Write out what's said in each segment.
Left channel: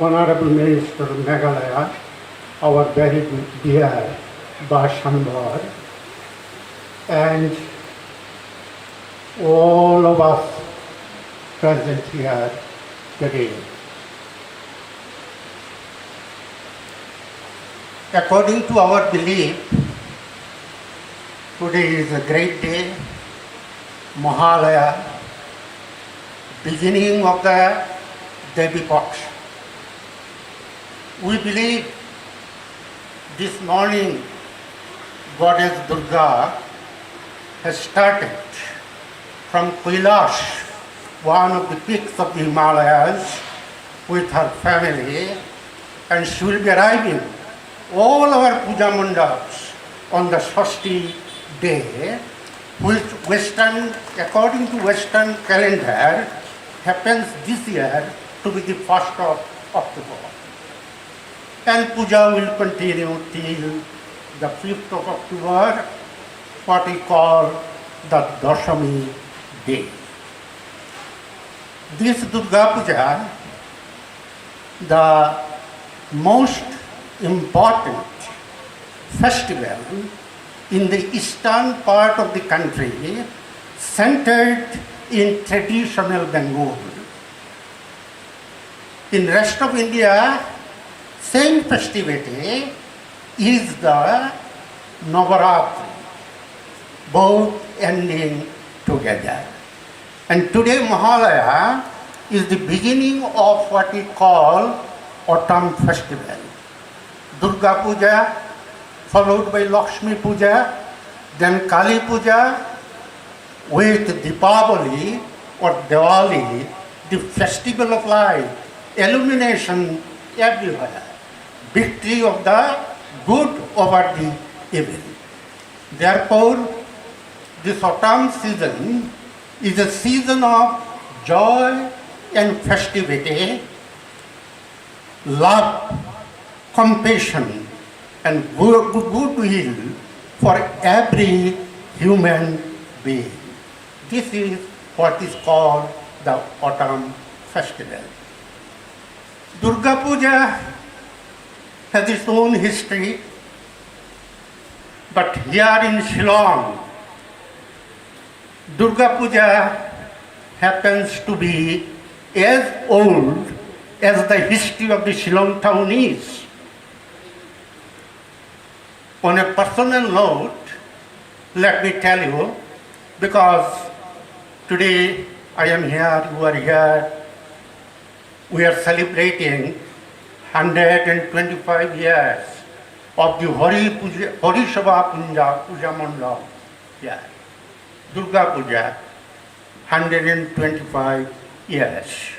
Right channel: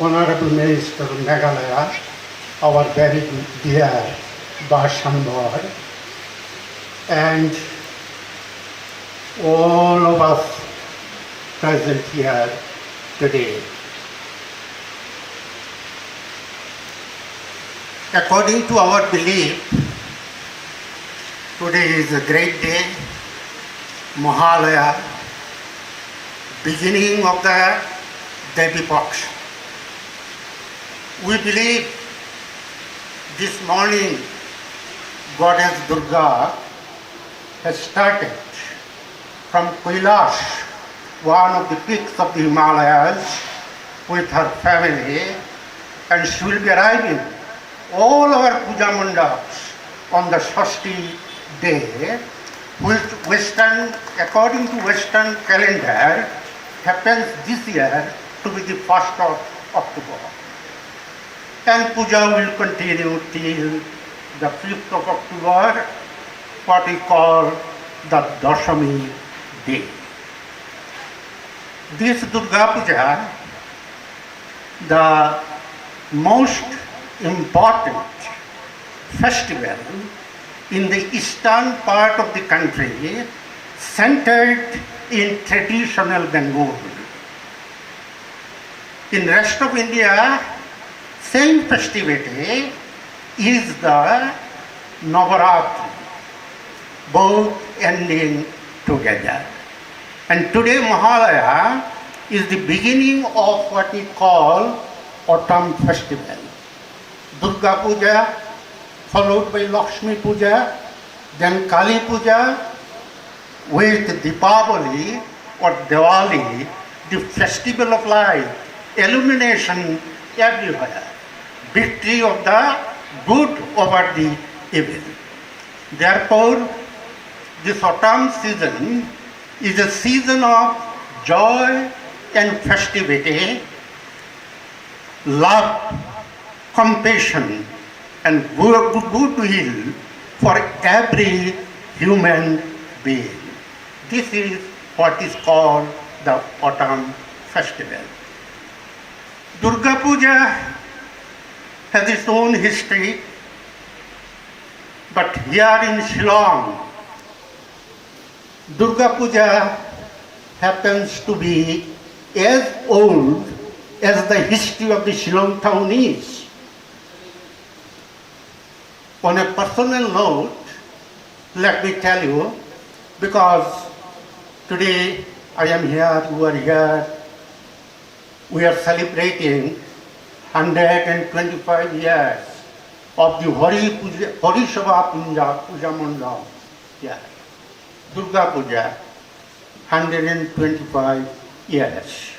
Honorable Minister of Meghalaya, our very dear Bhattacharjee, and all of us present here today. According to our belief, today is a great day, Mahalaya, beginning of the Devi Paksha. We believe this morning Goddess Durga has started from Kailash, one of the peaks of the Himalayas, with her family, and she will be arriving all our puja mandaps on the Shashti day, which according to Western calendar, happens this year to be the 1st of October. And puja will continue till the 5th of October, what we call the Dashami day. This Durga Puja, the most important festival in the eastern part of the country, centered in traditional Bengal. In rest of India, same festivity is the Navaratri, both ending together. And today Mahalaya is the beginning of what we call autumn festival. Durga Puja, followed by Lakshmi Puja, then Kali Puja, with Deepavali or Diwali, the festival of light, illumination everywhere, victory of the good over the evil. Therefore, this autumn season is a season of joy and festivity, love, compassion, and goodwill for every human being. This is what is called the autumn festival. Durga Puja has its own history, but here in Shillong, Durga Puja happens to be as old as the history of the Shillong town is. On a personal note, let me tell you, because today I am here, you are here, we are celebrating 125 years of the Hari Sabha Puja Mandal. Yeah. Durga Puja, 125 years.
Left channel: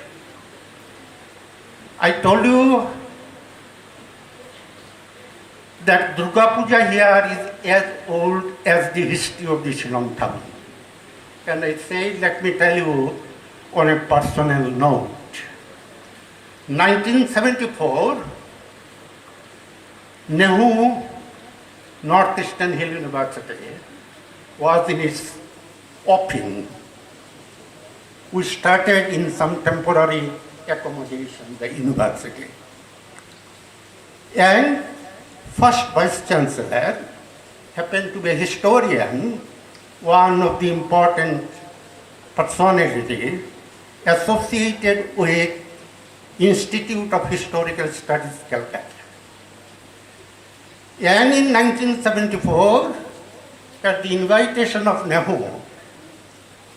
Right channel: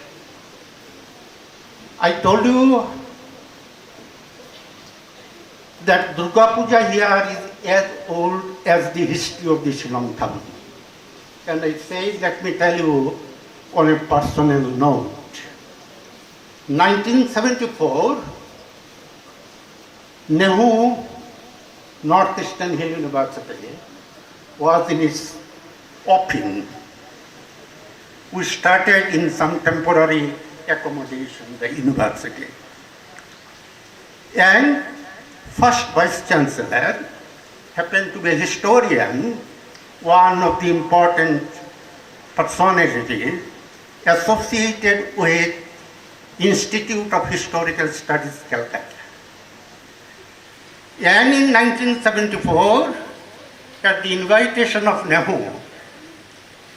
I told you that Durga Puja here is as old as the history of the Shillong town. And I say, let me tell you on a personal note. 1974, Nehu, Northeastern Hill University, was in its offing. We started in some temporary accommodation, the university. And first Vice Chancellor happened to be a historian, one of the important personalities associated with Institute of Historical Studies, Calcutta. And in 1974, at the invitation of Nehu,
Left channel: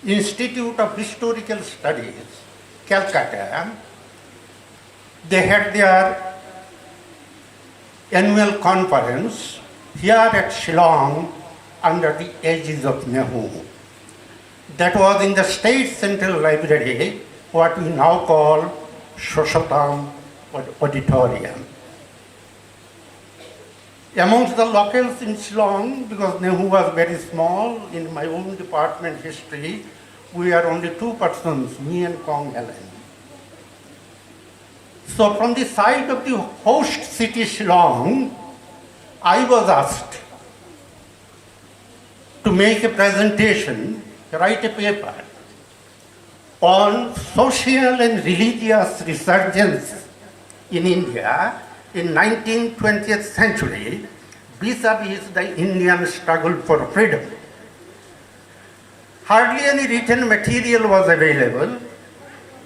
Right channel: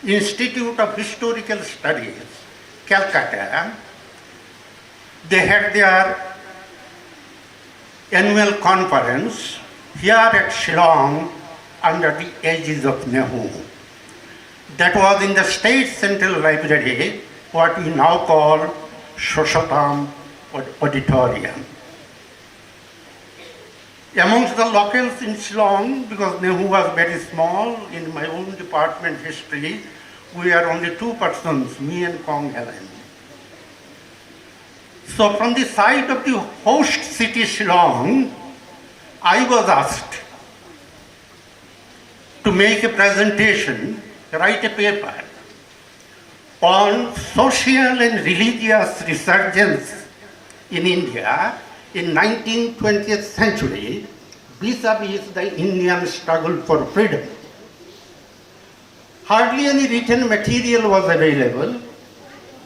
Institute of Historical Studies, Calcutta, they had their annual conference here at Shillong under the aegis of Nehu. That was in the State Central Library, what we now call Shoshatam Auditorium. Amongst the locals in Shillong, because Nehu was very small, in my own department history, we are only two persons, me and Kong Helen. So from the side of the host city Shillong, I was asked to make a presentation, write a paper on social and religious resurgence in India in 19th, 20th century vis-a-vis the Indian struggle for freedom. Hardly any written material was available,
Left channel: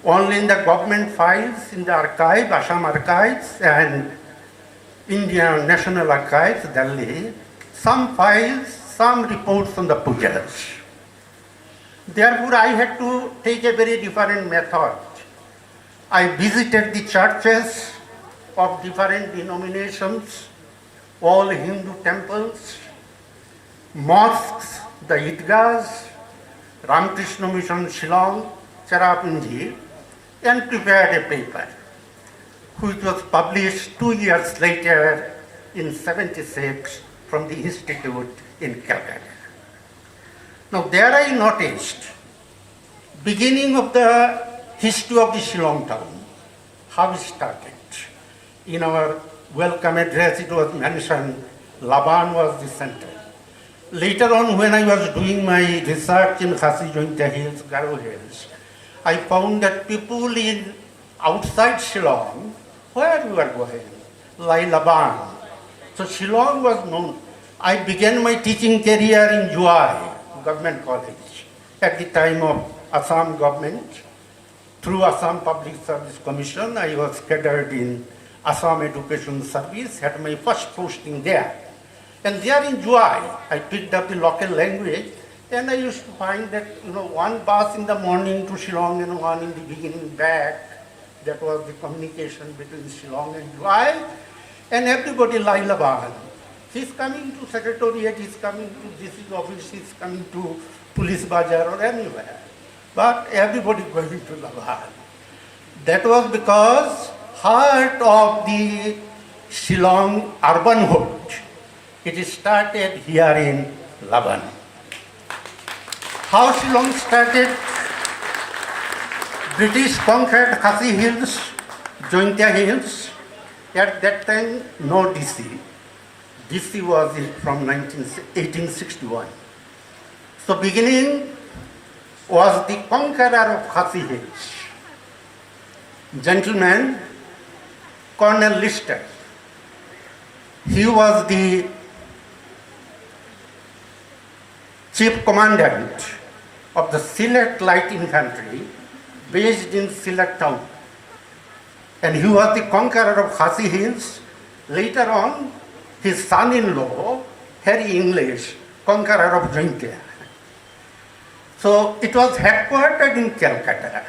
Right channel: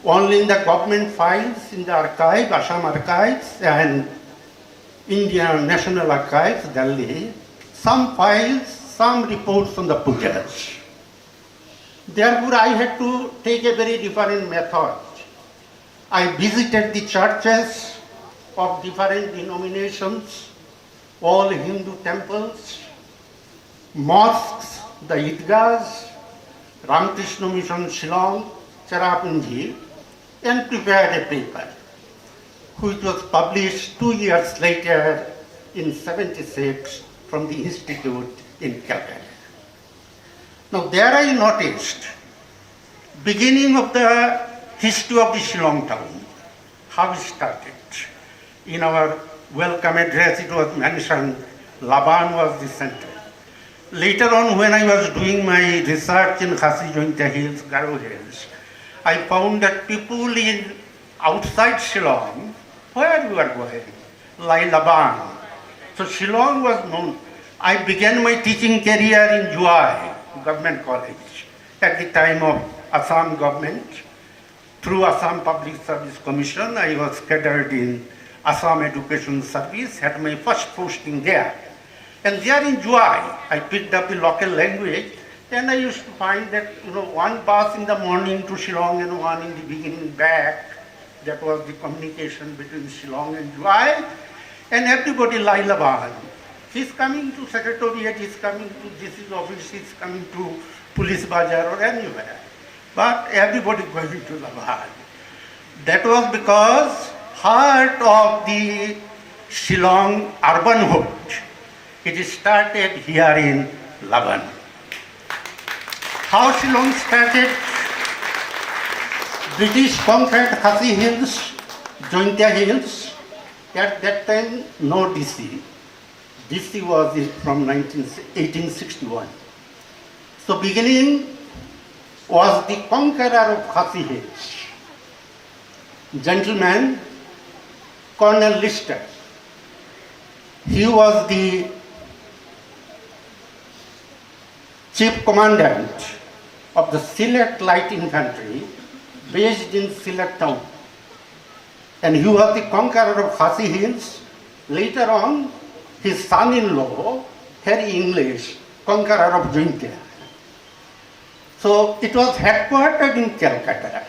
only in the government files in the archive, Assam Archives and Indian National Archives, Delhi, some files, some reports on the pujas. Therefore, I had to take a very different method. I visited the churches of different denominations, all Hindu temples, mosques, the Idgahs, Ramakrishna Mission Shillong, Cherrapunji, and prepared a paper, which was published 2 years later in '76 from the Institute in Calcutta. Now there I noticed beginning of the history of the Shillong town, how it started. In our welcome address it was mentioned Laban was the center. Later on when I was doing my research in Khasi Jointia Hills, Garo Hills, I found that people in outside Shillong, where we were going, like Laban. So Shillong was known. I began my teaching career in Juai Government College at the time of Assam government. Through Assam Public Service Commission, I was cadred in Assam Education Service, had my first posting there. And there in Juai, I picked up the local language, and I used to find that, one bus in the morning to Shillong and one in the beginning back. That was the communication between Shillong and Juai. And everybody like Laban. He's coming to Secretariat, he's coming to GC office, he's coming to Police Bazaar or anywhere. But everybody going to Laban. That was because heart of the Shillong urbanhood, it started here in Laban. How Shillong started? British conquered Khasi Hills, Jointia Hills. At that time, no DC. DC was from 1861. So beginning was the conqueror of Khasi Hills, gentleman Colonel Lister. He was the chief commandant of the Sylhet Light Infantry based in Sylhet town. And he was the conqueror of Khasi Hills. Later on, his son-in-law, Harry English, conqueror of Jointia. So it was headquartered in Calcutta.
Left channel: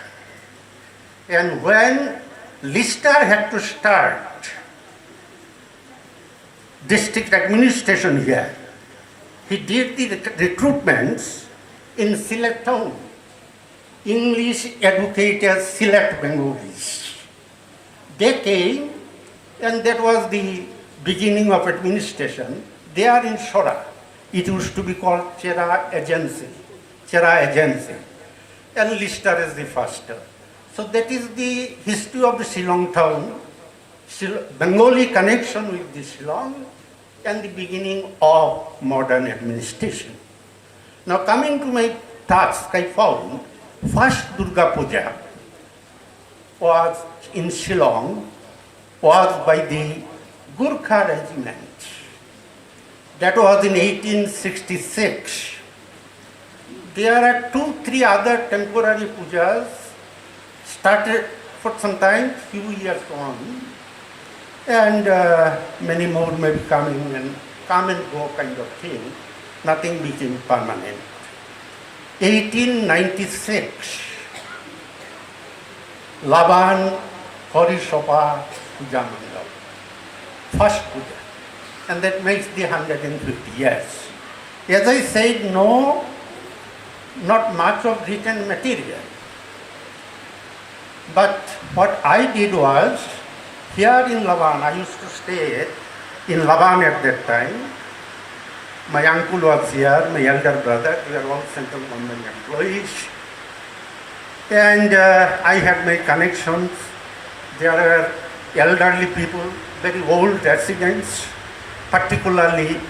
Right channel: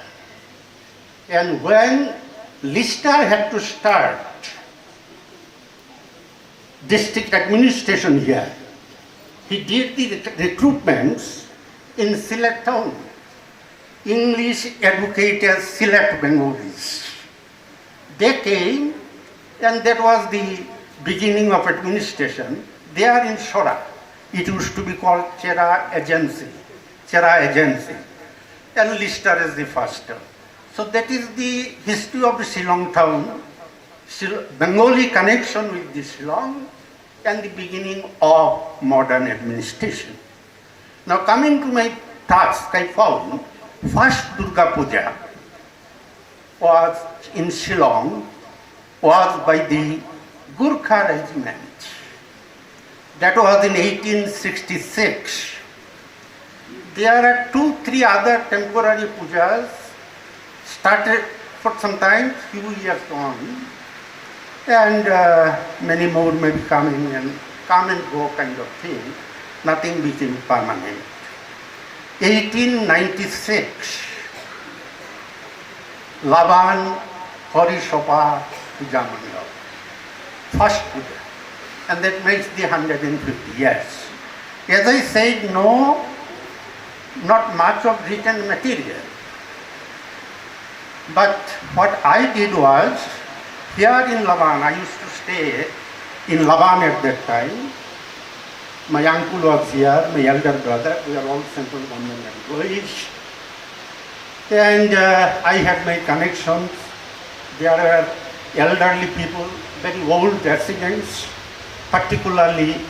And when Lister had to start district administration here, he did the recruitments in Sylhet town. English educated Sylhet Bengalis. They came, and that was the beginning of administration. They are in Shora. It used to be called Chera Agency. And Lister is the first. So that is the history of the Shillong town, Bengali connection with the Shillong, and the beginning of modern administration. Now coming to my task, I found first Durga Puja was in Shillong, was by the Gurkha regiment. That was in 1866. There are 2-3 other temporary pujas started for some time, few years on, and many more may be coming and come and go kind of thing. Nothing became permanent. 1896, Laban Hori Sopa Puja Mandal, first puja, and that makes the 150 years. As I said, no, not much of written material. But what I did was, here in Laban, I used to stay in Laban at that time. My uncle was here, my elder brother, we are all central government employees. And I had my connections. There were elderly people, very old residents. Particularly,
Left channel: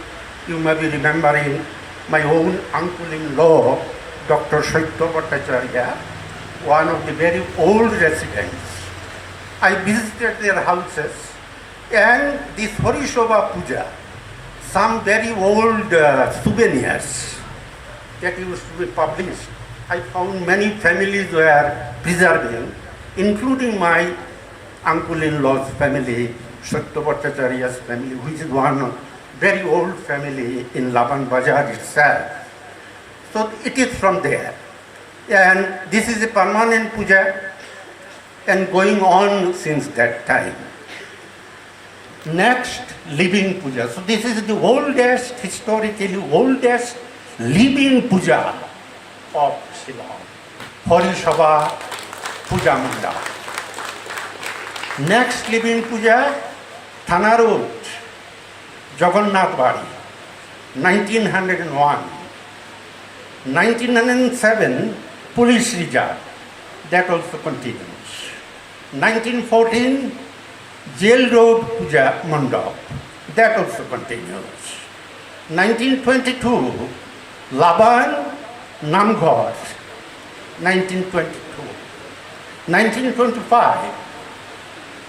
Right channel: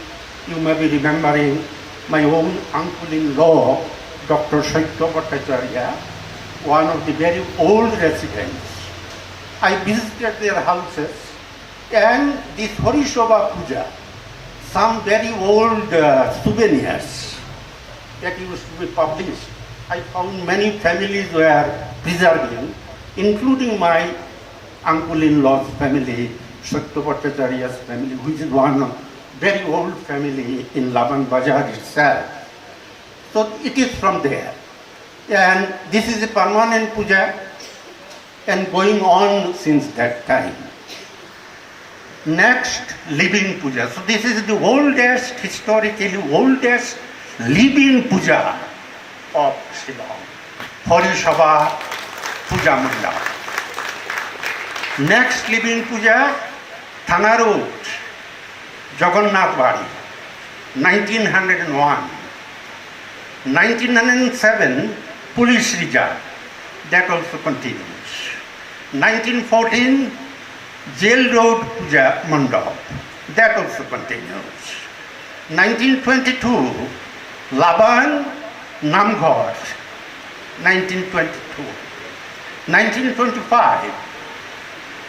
you may be remembering my own uncle-in-law, Dr. Bhattacharjee, one of the very old residents. I visited their houses, and this Horishobha Puja, some very old souvenirs that used to be published, I found many families were preserving, including my uncle-in-law's family, Satya Bhattacharjee's family, which is one very old family in Labang Bazaar itself. So it is from there. And this is a permanent puja and going on since that time. Next, living puja. So this is the oldest, historically oldest living puja of Shillong, Horishobha Puja Mandap. Next living puja, Thana Road, Jagannath Bari, 1901. 1907, Police Reserve, that also continues. 1914, Jail Road Puja Mandap, that also continues. 1922, Laban Namghar, 1922. 1925,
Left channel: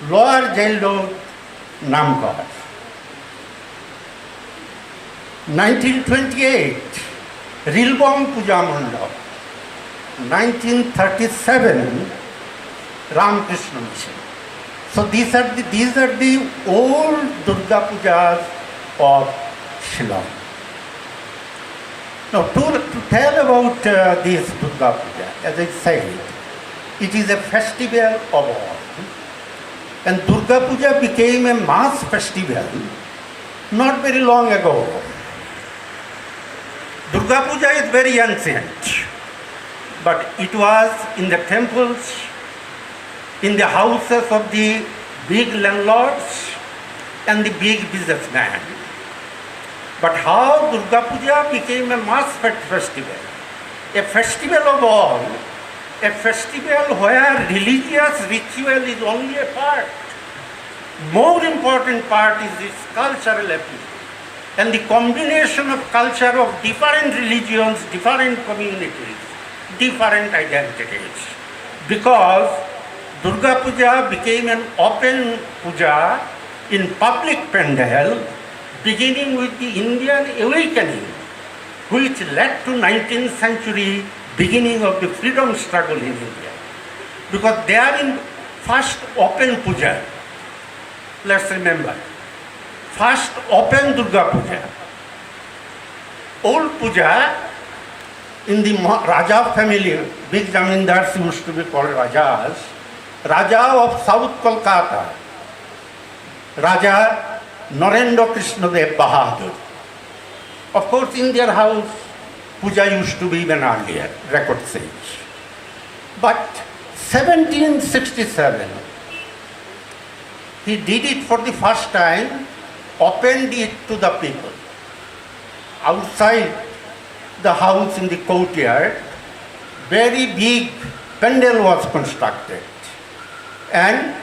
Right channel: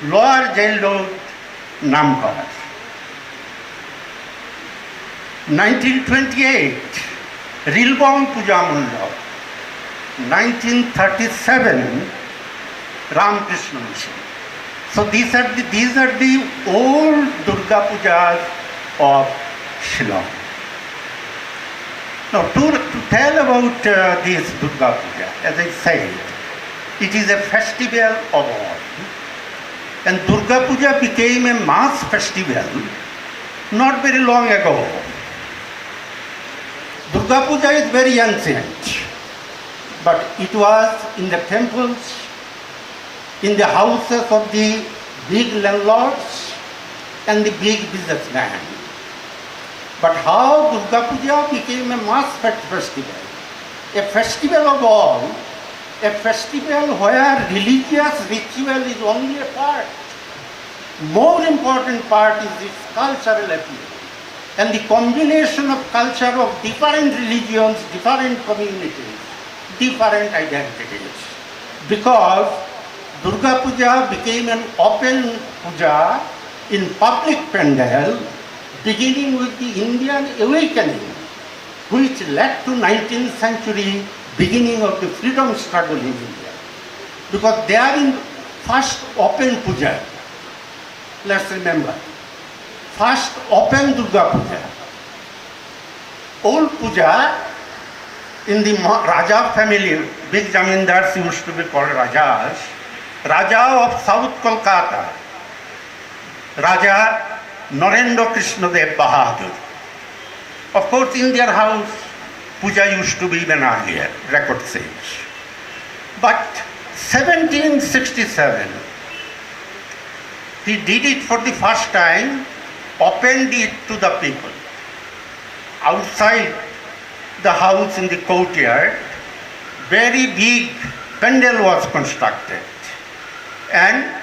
Lower Jail Road Namghar. 1928, Rilbong Puja Mandap. 1937, Ramakrishna Mission. So these are the old Durga Pujas of Shillong. Now to tell about this Durga Puja, as I said, it is a festival of all. And Durga Puja became a mass festival not very long ago. Durga Puja is very ancient, but it was in the temples, in the houses of the big landlords and the big businessmen. But how Durga Puja became a mass festival, a festival of all, a festival where religious ritual is only a part. More important part is its cultural appeal and the combination of culture of different religions, different communities, different identities. Because Durga Puja became an open puja in public pandal, beginning with the Indian awakening, which led to 19th century beginning of the freedom struggle in India. Because they are in first open puja. Let's remember, first open Durga Puja. Old puja in the Raja family, big zamindars used to be called Rajas. Raja of South Kolkata, Raja Narendra Krishna Dev Bahadur. Of course, in their house, puja used to be even earlier, record says. But 1767, he did it for the first time, opened it to the people. Outside the house in the courtyard, very big pandal was constructed. And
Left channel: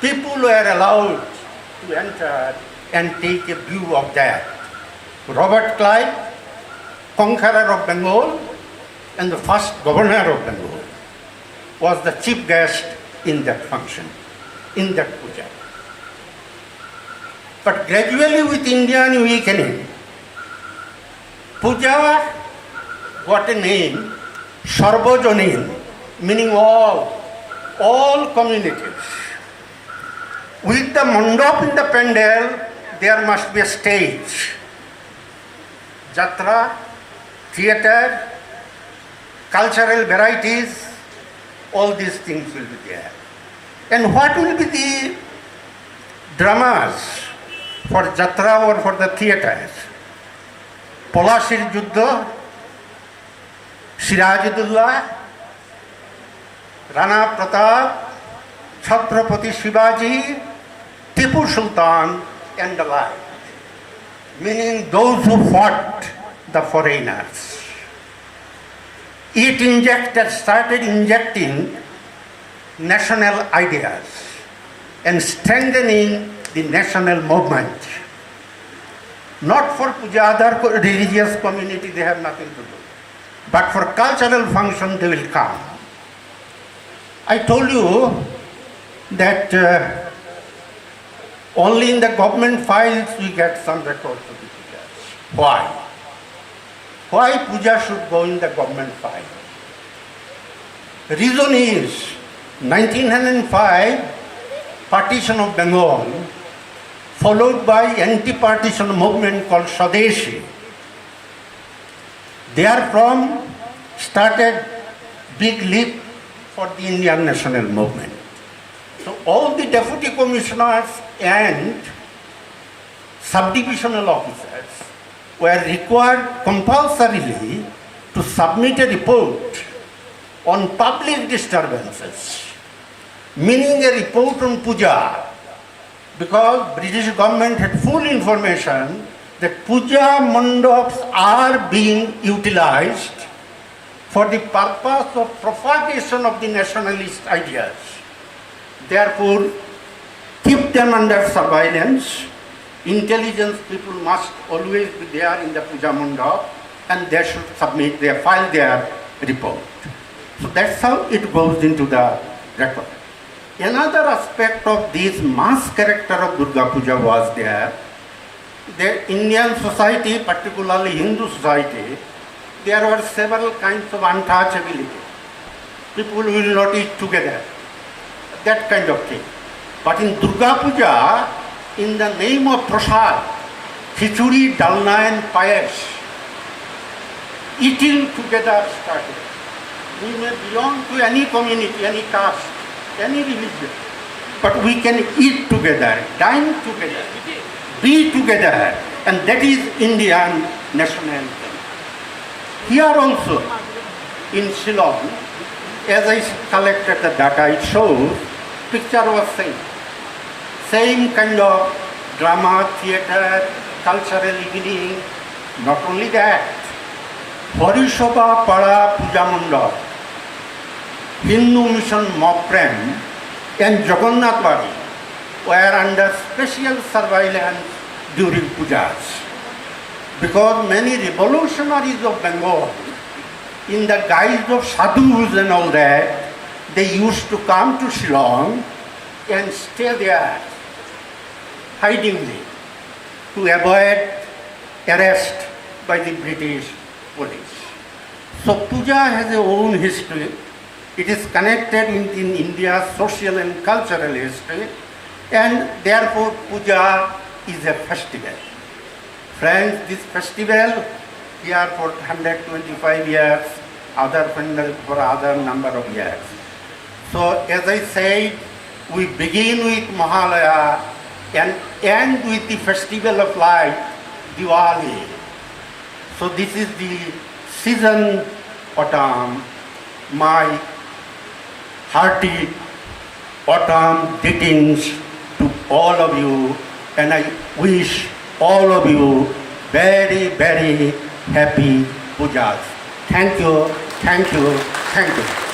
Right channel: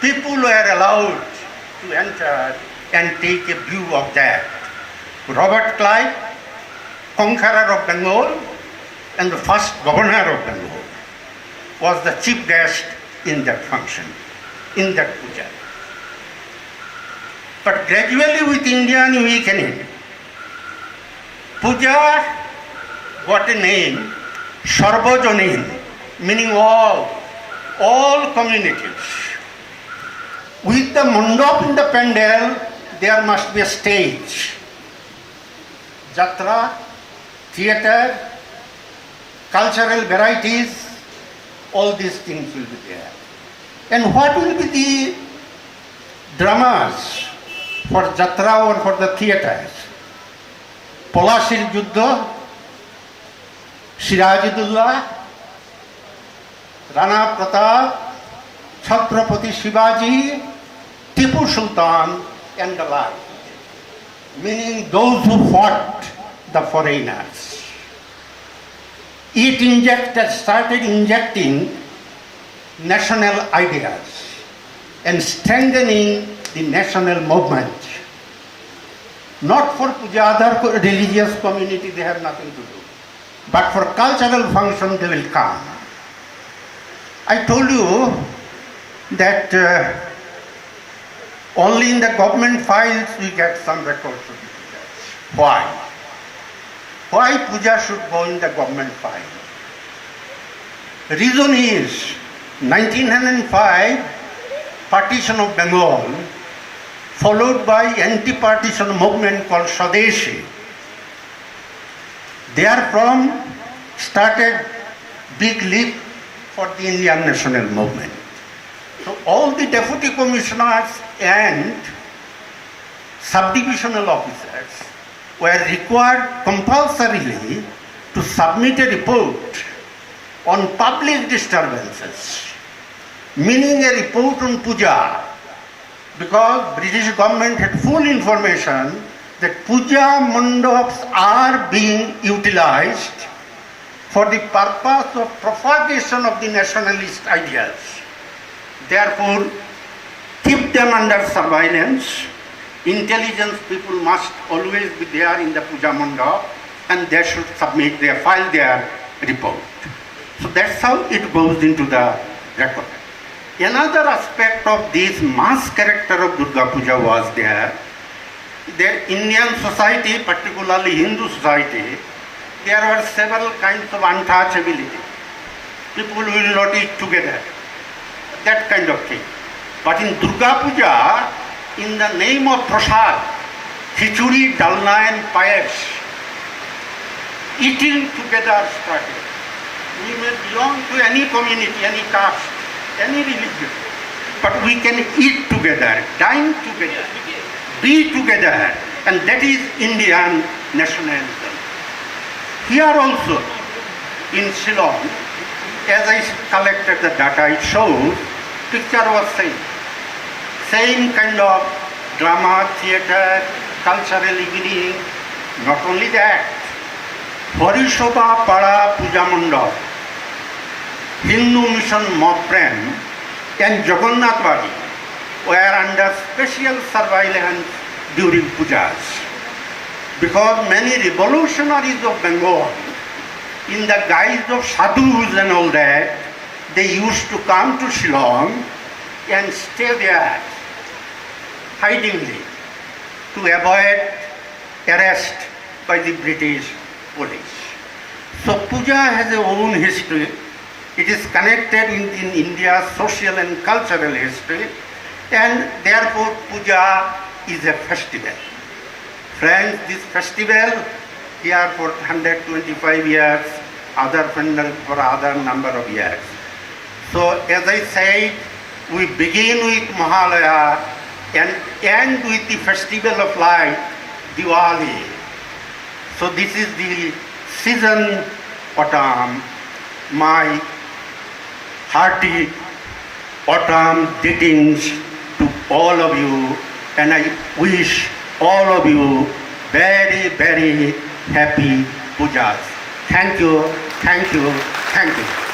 people were allowed to enter and take a view of that. Robert Clive, conqueror of Bengal and the first governor of Bengal, was the chief guest in that function, in that puja. But gradually with Indian awakening, puja got a name, Sarvajanin, meaning all communities. With the mandap in the pandal, there must be a stage. Jatra, theatre, cultural varieties, all these things will be there. And what will be the dramas for Jatra or for the theatres? Palashir Juddha, Sirajudullah, Rana Pratap, Chhatrapati Shivaji, Tipu Sultan and the like. Meaning those who fought the foreigners. It started injecting national ideas and strengthening the national movement. Not for puja, other religious community, they have nothing to do. But for cultural function, they will come. I told you that only in the government files we get some records of the pujas. Why? Why puja should go in the government file? The reason is 1905 partition of Bengal, followed by anti-partition movement called Swadeshi. Therefrom started big leap for the Indian national movement. So all the deputy commissioners and subdivisional officers were required compulsorily to submit a report on public disturbances, meaning a report on puja, because British government had full information that puja mandaps are being utilized for the purpose of propagation of the nationalist ideas. Therefore, keep them under surveillance. Intelligence people must always be there in the puja mandap, and they should submit their file their report. So that's how it goes into the record. Another aspect of this mass character of Durga Puja was there. The Indian society, particularly Hindu society, there were several kinds of untouchability. People will not eat together, that kind of thing. But in Durga Puja, in the name of prasad, khichuri, dalna and payas, eating together started. We may belong to any community, any caste, any religion, but we can eat together, dine together, be together, and that is Indian nationalism. Here also, in Shillong, as I collected the data, it shows, picture was same kind of drama, theatre, cultural evening. Not only that, Harisabha Pada Puja Mandap, Hindu Mission Mopram, and Jagannath Bari were under special surveillance during pujas. Because many revolutionaries of Bengal, in the guise of sadhus and all that, they used to come to Shillong and stay there hidingly to avoid arrest by the British police. So puja has a own history. It is connected in India's social and cultural history, and therefore puja is a festival. Friends, this festival here for 125 years, other pandal for other number of years. So as I said, we begin with Mahalaya and end with the festival of light, Diwali. So this is the season autumn, my hearty autumn greetings to all of you, and I wish all of you very, very happy pujas. Thank you, thank you, thank you.